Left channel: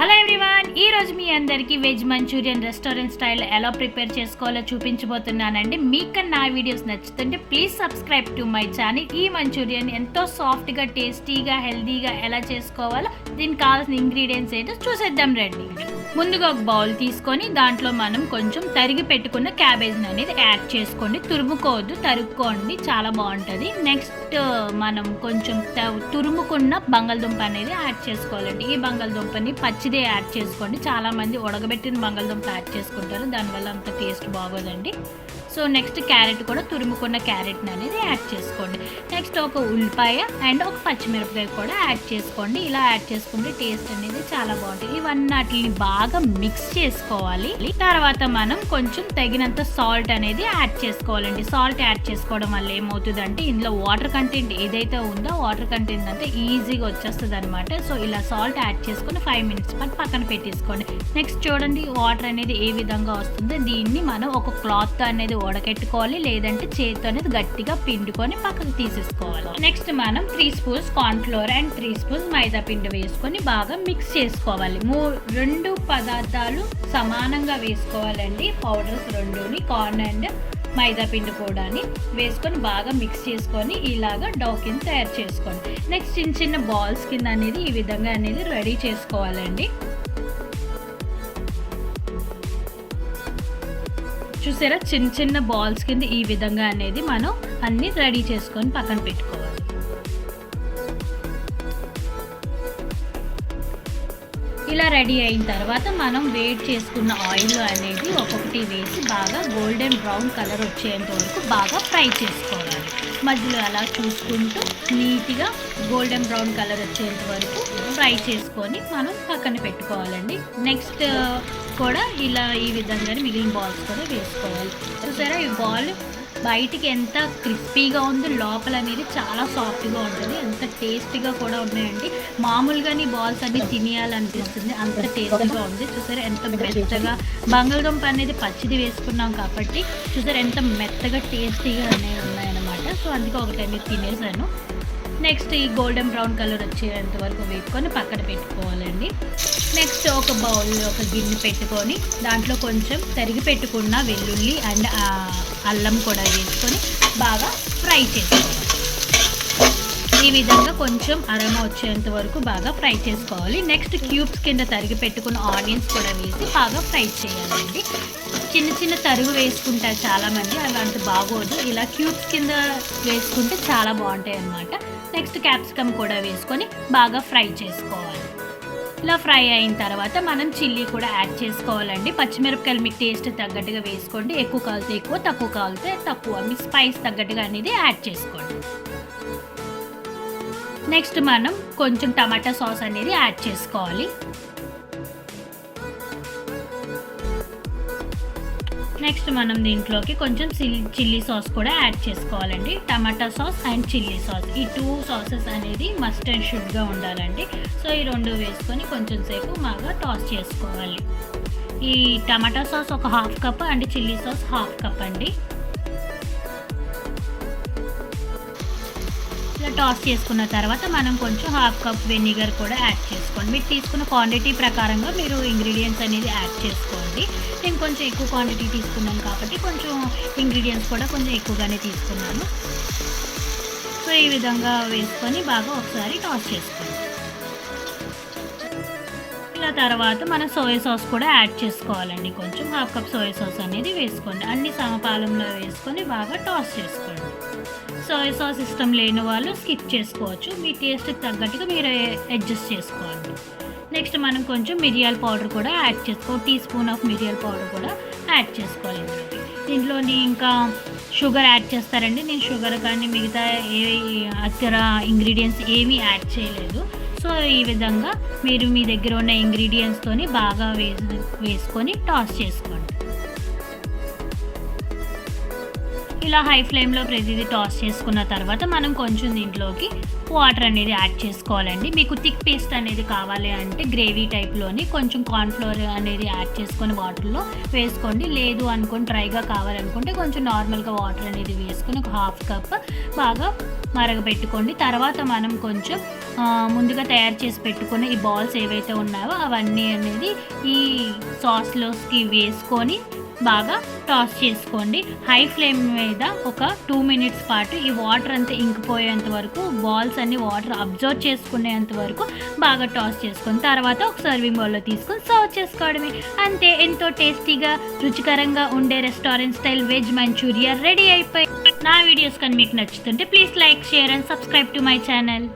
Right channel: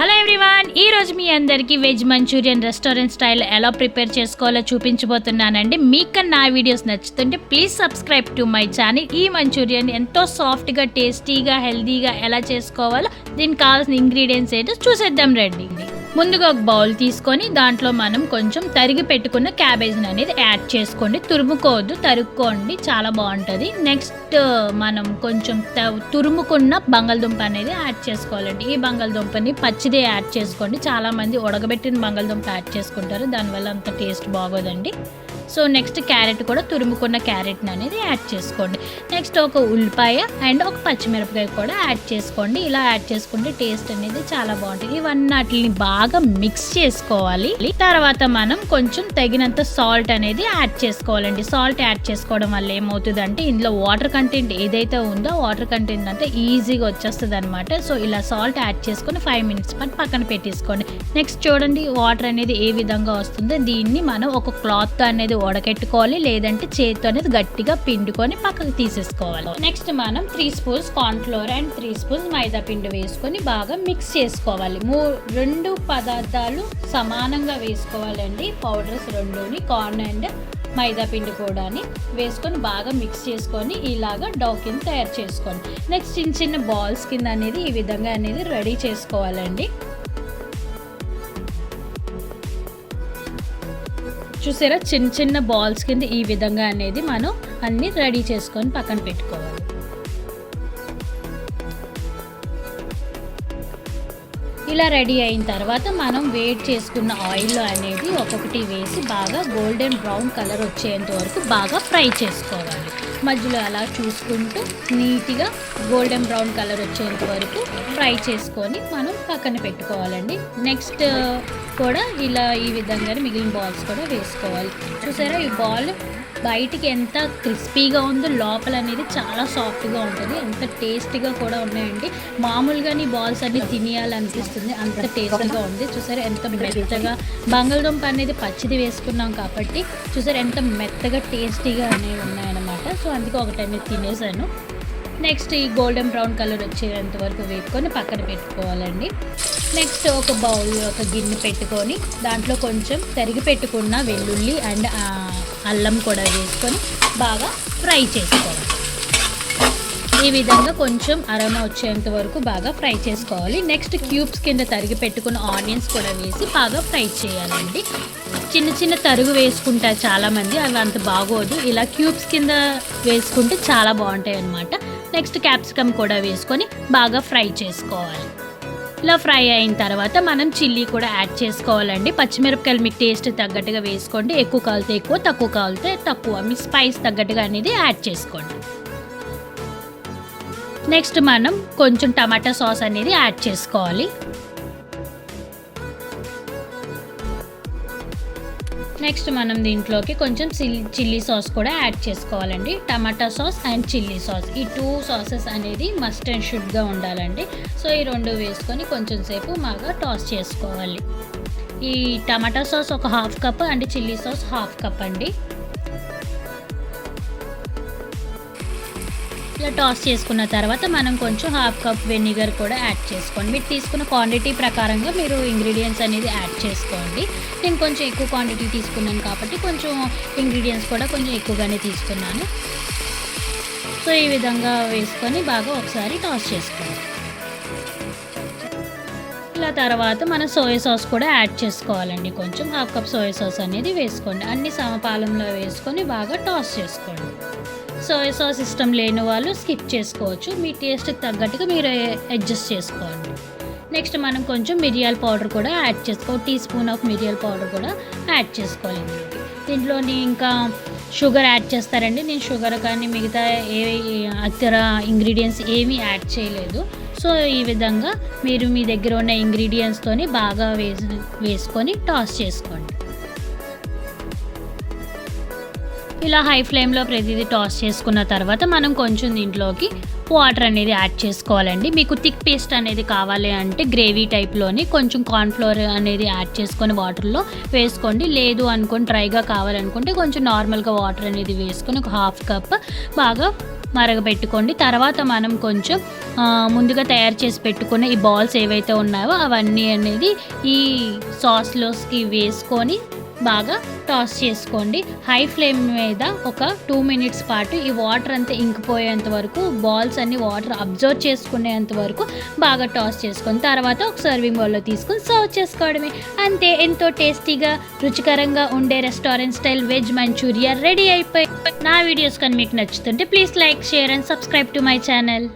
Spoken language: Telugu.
హలో ఎవ్రీవన్, ఈరోజు మీ అందరికీ వెజ్ మంచూరియన్ రెస్టారెంట్ స్టైల్ ఎలా ప్రిపేర్ చేసుకోవాలో చూపించబోతున్నానండి. మీకు నా వీడియోస్ నచ్చుతుంటే please subscribe to my channel. ఈ మంచూరియన్ ఎంతో సాఫ్ట్గా, టేస్టీగా, హెల్తీగా ఎలా చేసుకోవాలో దీనికి కావాల్సిన ఇంగ్రీడియంట్స్ ఏంటో చూసేద్దాం రండి. ముందుగా ఒక బౌల్ తీసుకొని దాంట్లో మనం కొంచెం తరిగి పెట్టుకున్న క్యాబేజ్ని అనేది యాడ్ చేసుకోండి. తురుముకోవద్దు, తరుక్కోండి, చాలా బాగుంటుంది. నెక్స్ట్ మనం కొంచెం తురుముకున్న బంగాళదుంప అనేది యాడ్ చేసుకోవాలండి. ఈ బంగాళదుంపని పచ్చిదే యాడ్ చేసుకోండి. చాలామంది ఉడకబెట్టిన బంగాళదుంప యాడ్ చేసుకుంటారు, దానివల్ల అంత టేస్ట్ బాగోదండి. సో నెక్స్ట్ క్యారెట్ కూడా తురుముకున్న క్యారెట్ని అనేది యాడ్ చేసుకోండి. నెక్స్ట్ ఒక ఉల్లిపాయ అండ్ ఒక పచ్చిమిరపకాయ కూడా యాడ్ చేసుకోండి. ఇలా యాడ్ చేసుకుంటే టేస్ట్ అనేది చాలా బాగుంటుంది. ఇవన్నీ బాగా మిక్స్ చేసుకోవాలి. తర్వాత మనం కొంచెం తగినంత సాల్ట్ అనేది యాడ్ చేసుకోవాలండి. సాల్ట్ యాడ్ చేసుకోవడం వల్ల ఏమవుతుందంటే ఇందులో వాటర్ కంటెంట్ ఏదైతే ఉందో వాటర్ కంటెంట్ అంతా ఈజీగా వచ్చేస్తుంది అనమాట. సో ఇలా సాల్ట్ యాడ్ చేసుకొని 5 minutes పాటు పక్కన పెట్టేసుకోండి. నెక్స్ట్ చూడండి వాటర్ అనేది ఏ విధంగా వస్తుందో దీన్ని మనం ఒక క్లాత్ అనేది ఉడకెట్టుకోవాలి, లేదంటే చేతితో అనేది గట్టిగా పిండుకొని పక్కకు తీసేసుకోవాలి. నెక్స్ట్ మనం 3 spoons corn flour and 3 spoons మైదా పిండి వేసుకొని బాగా మిక్స్ చేసుకోవాలి. 2 పదార్థాలు సమానంగా వేసుకోవాలండి. పౌడర్స్ 2ని కార్న్ అండ్ మైదా పిండి కూడా వేసుకొని బాగా మిక్స్ చేసుకొని ఇలాగా డౌ కింద తయారు చేసుకోండి. నెక్స్ట్ చిన్న చిన్న బాల్స్ కింద అనేది ఈ విధంగా అనేది రెడీ చేసుకోవాలండి. చూసారా, చిన్న చిన్న బాల్స్ కింద ఈ విధంగా అనేది మనం అన్ని రెడీ చేసుకొని పక్కన పెట్టుకోవాలి. ఇలా రెడీ అయిన తర్వాత మనం వేడి చేసుకున్న ఆయిల్ అనేది ఒక్కొక్కటి వేసి బాగా గోల్డెన్ బ్రౌన్ కలర్ వచ్చేంత వరకు బాగా ఫ్రై చేసుకోవాలి. మధ్యలో అలా చూసుకుంటూ నీట్గా గోల్డెన్ బ్రౌన్ కలర్ వచ్చేంత వరకు ఫ్రై చేసుకొని మనం పక్కన పెట్టుకోవాలండి. నెక్స్ట్ కూడా ఇలా ఈ విధంగానే మిగిలిన బాల్స్ కూడా వేసుకోవాలి. చూసారా, ఈ బాల్ బయటికి ఎంత క్రిస్పీగా ఉందో లోపల అనేది చాలా సాఫ్ట్గా ఉంటుంది, ఎంత టేస్టీగా కూడా ఉన్నాయండి. మామూలుగానే బాల్స్ అన్ని తినేయాలనిపిస్తుంది, అంత టేస్టీగా ఉంది. చూసారా ఎంత మెత్తగా, బంగాళదుంప అనేది పచ్చిది వేసుకున్నాం కాబట్టి చూసారా ఎంత మెత్తగా టేస్టీగా అనేవి ఉన్నాయన్నమాట. సో అందుకే ఒకటి అనేది తినేసాను. నెక్స్ట్ ఈ గోల్డెన్ బ్రౌన్ కలర్ వచ్చేంత వరకు వేసుకొని పక్కన పెట్టుకోవాలండి. నెక్స్ట్ ఒక బౌల్, ఒక గిన్నె పెట్టుకొని దాంట్లో కొంచెం తరిగి పెట్టుకున్న వెల్లుల్లి అండ్ అల్లం కూడా వేసుకొని బాగా ఫ్రై చేసుకోవాలి. ఈ విధంగా కొంచెం అరోమా వచ్చేంత వరకు బాగా ఫ్రై చేసుకోవాలి. నెక్స్ట్ క్యూబ్స్ కింద తరిగి పెట్టుకున్న ఆనియన్స్ కూడా వేసి బాగా ఫ్రై చేయాలండి. చిన్న చిన్న తరుగు వేసుకుంటారు చాలామంది, అవి అంత బాగోదు. ఇలా క్యూబ్స్ కింద వేసుకుంటే చాలా బాగుంటాయి అన్నమాట. నెక్స్ట్ క్యాప్సికమ్ కూడా వేసుకొని బాగా ఫ్రై చేసుకోవాలి. ఇలా ఫ్రై అయిన తర్వాత మనం చిల్లీ కూడా యాడ్ చేసుకోవాలండి. పచ్చిమిరపకాయలు మీ టేస్ట్ తగ్గట్టుగా వేసుకోండి. ఎక్కువ కాలితే ఎక్కువ, తక్కువ కాలితే తక్కువ, మీ స్పైస్ తగ్గట్టుగా అనేది యాడ్ చేసుకోండి. నెక్స్ట్ మనం కొంచెం టమాటా సాస్ అనేది యాడ్ చేసుకోవాలి. నెక్స్ట్ మనం దీంట్లోకి కొంచెం చిల్లీ సాస్ కూడా యాడ్ చేసుకోవాలండి. టమాటా సాస్ అండ్ చిల్లీ సాస్, ఈ 2 సాసెస్ అనేది మస్ట్ అండ్ షుడ్గా ఉండాలండి. సో ఈ 2 వేసుకొని కొంచెం సేపు బాగా టాస్ చేసుకోవాలి. ఈ టమాటా సాస్ ఒక 1/2 cup and chilli sauce 1/2 cup అండి. ఇలా టాస్ చేసుకున్న తర్వాత మనం కొంచెం 1/2 cup వెనిగర్ కూడా యాడ్ చేసుకోండి. మీరు తీసుకున్న క్వాంటిటీ ప్రకారంగా మీరు ఇంగ్రీడియంట్స్ అనేది యాడ్ చేసుకోండి. నేను కొంచెం ఎక్కువ క్వాంటిటీ తీసుకున్నాను కాబట్టి కొంచెం ఇంగ్రీడియంట్స్ కూడా కొంచెం ఎక్కువగానే తీసుకున్నాను. సో ఈ విధంగా వేసుకొని బాగా ఒకసారి టాస్ చేసుకోండి. ఇలా తర్వాత మనం సోయా సాస్ కూడా యాడ్ చేసుకోవాలండి. కొంచెం 1/2 cup సోయా సాస్ అనేది వేసుకోండి. అన్ని సమపాలంలో వేసుకొని బాగా టాస్ చేసుకోండి. సోయా సాస్ ఇష్టం లేని వాళ్ళు స్కిప్ చేసుకోవచ్చు, మీ టేస్ట్కి తగ్గట్టుగా మీరు అడ్జస్ట్ చేసుకోండి. నెక్స్ట్ మనం కొంచెం మిరియాల పౌడర్ కూడా యాడ్ చేసుకో, 1 teaspoon ఆఫ్ మిరియాల పౌడర్ కూడా యాడ్ చేసుకోవాలండి. దీంట్లోని ఇంకా షుగర్ యాడ్ చేస్తారండి. నేను షుగర్ కానీ మిగతా ఇతర ఇంగ్రీడియంట్స్ ఏమీ యాడ్ చేయలేదు. సో ఈ విధంగా మీరు మీ దగ్గర ఉన్న ఇంగ్రీడియంట్స్తోని బాగా వేసుకొని టాస్ చేసుకోండి. ఇలా హై ఫ్లేమ్లో ప్రతిదీ టాస్ చేసుకున్న తర్వాత మనం కొంచెం దీంట్లోకి వాటర్ అనేది యాడ్ చేసుకోవాలండి. మీకు థిక్ పేస్ట్ అనేది కావాలి అంటే గ్రేవీ టైప్లోని కొంచెం కార్న్ఫ్లోర్ అనేది యాడ్ చేసుకొని వాటర్లో వేసుకోండి. లేదు అనుకొని డ్రైగా కావాలనుకుంటే కొంచెం నార్మల్గా వాటర్ అనేది వేసుకొని ఒక హాఫ్ కప్ బాగా మరగబెట్టుకోండి. తర్వాత మనం కొంచెం ముందుగా తయారు చేసి పెట్టుకున్న ఈ బాల్స్ ఏవైతే ఉన్నాయో అవన్నీ అనేది ఈ సాస్లోకి వేసుకొని బాగా టాస్ చేసుకోండి. హై ఫ్లేమ్ మీద ఒక 2 మినిట్స్ పాటు ఈ వాటర్ అంతా ఇంకిపోయేంత వరకు, బాల్స్ అన్ని వాటర్ అబ్జర్వ్ చేసుకునేంత వరకు బాగా టాస్ చేసుకొని తర్వాత ఒక సర్వింగ్ బౌల్లో తీసుకొని సర్వ్ చేసుకోవడమే. అంతే, ఎంతో టేస్టీగా రుచికరంగా ఉండే restaurant style veg Manchuria ready అయిపోయి. నా వీడియోస్ కానీ మీకు నచ్చుతుంటే please like, share and subscribe to my channel.